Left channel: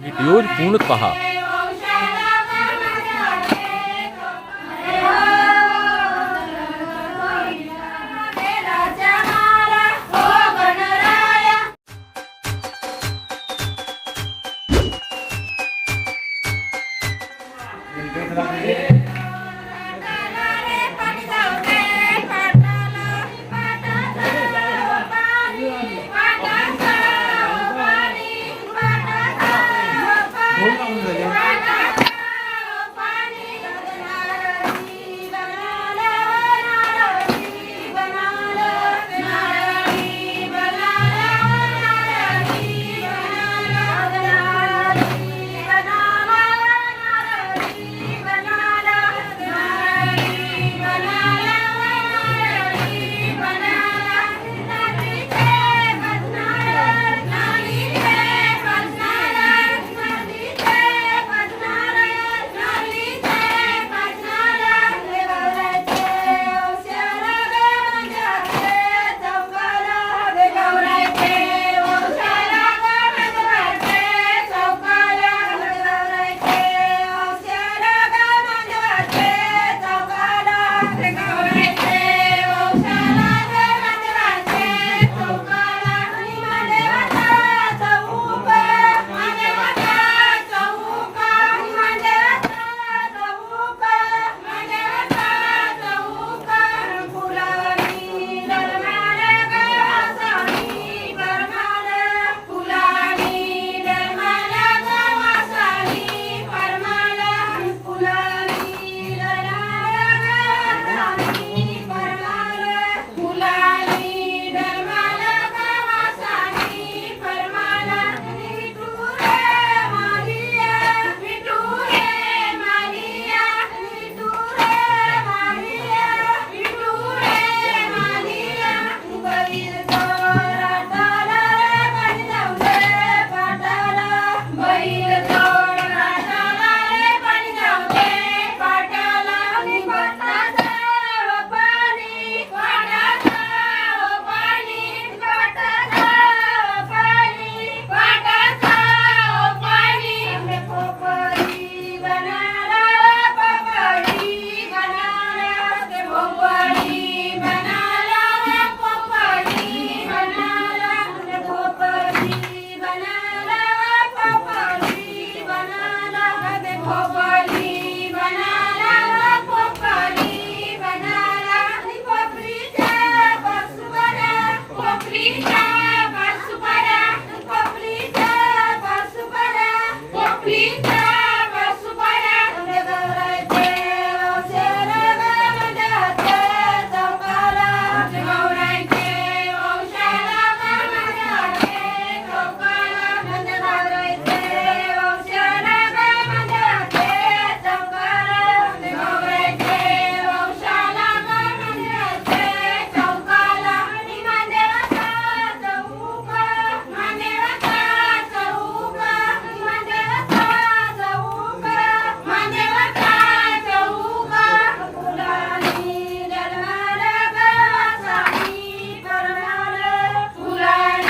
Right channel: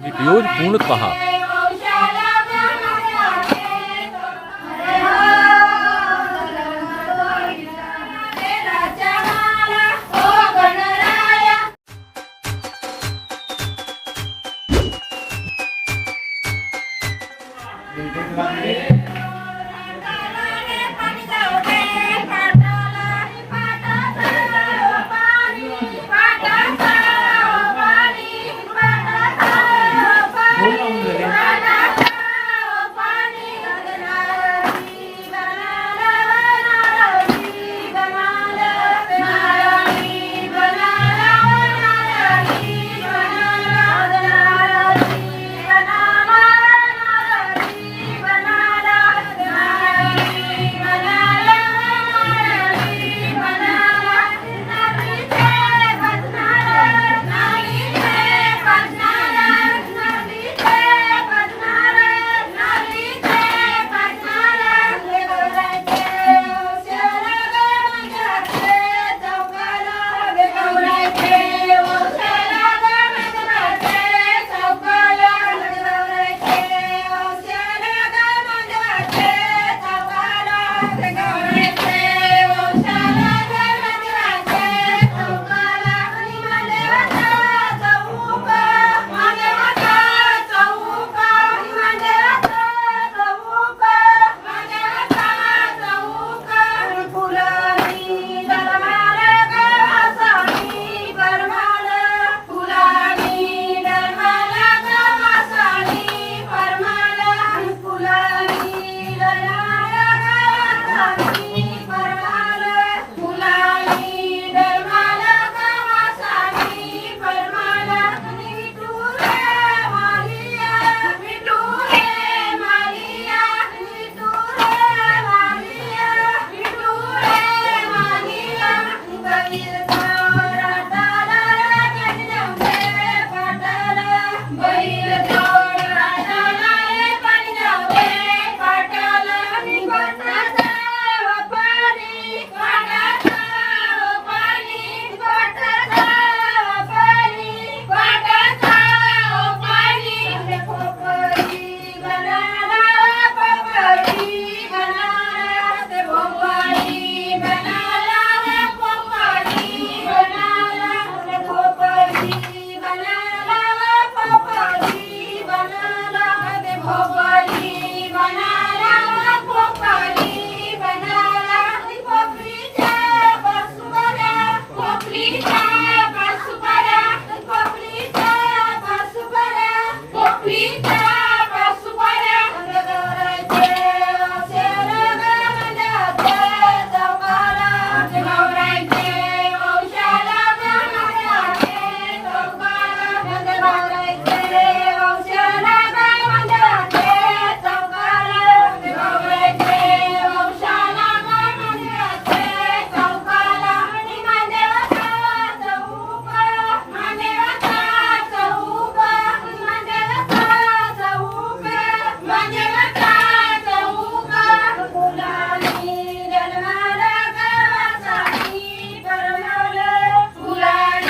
Video पूर्ण पहा.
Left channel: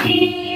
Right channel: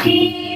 一。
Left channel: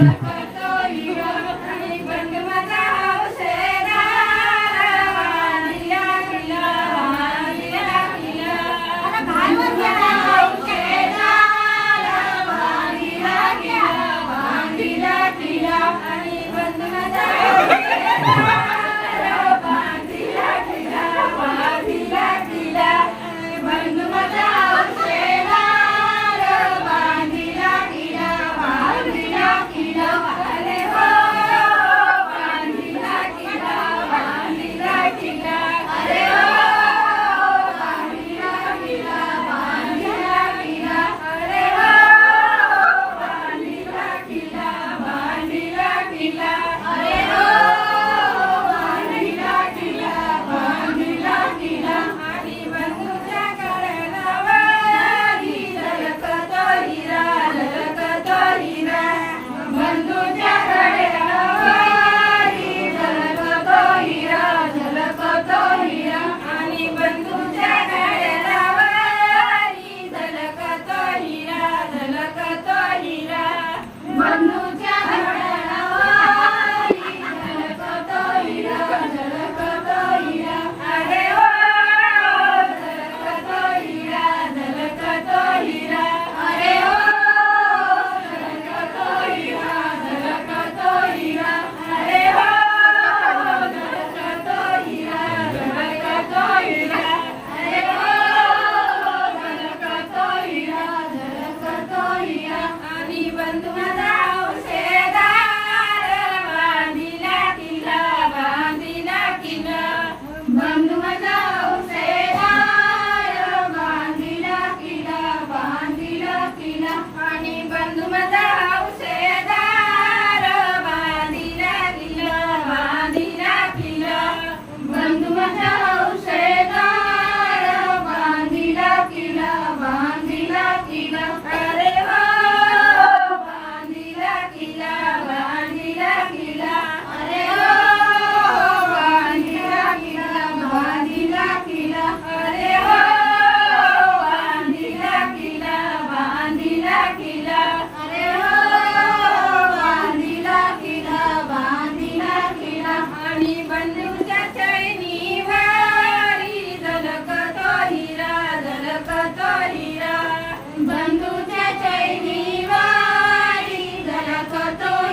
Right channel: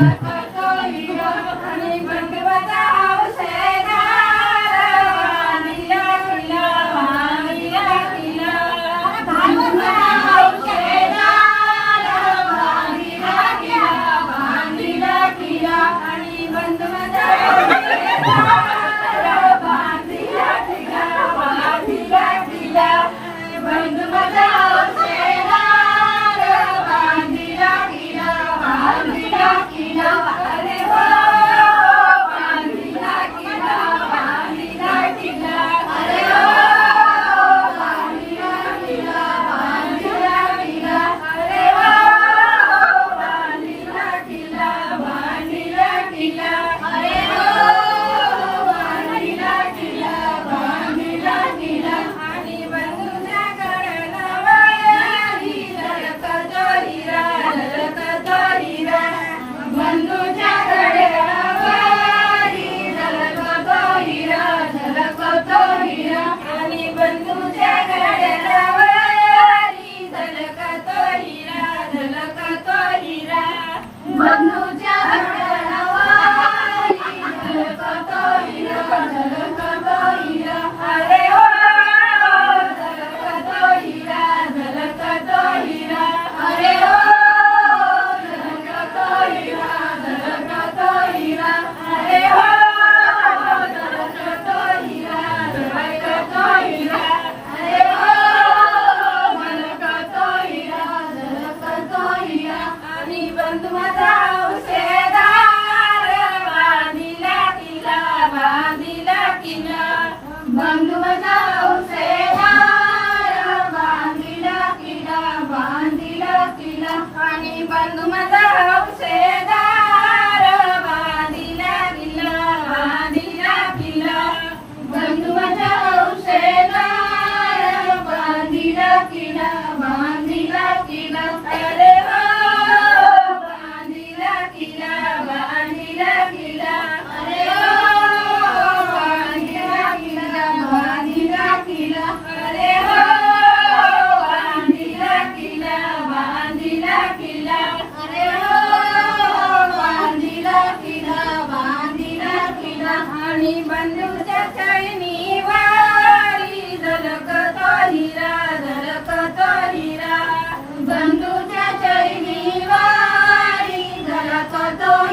Yeah. Kinder.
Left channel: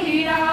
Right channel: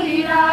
Di.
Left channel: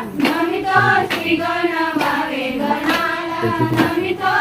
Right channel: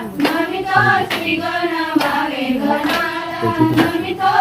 Namita Sri Gona Vare Gona Namita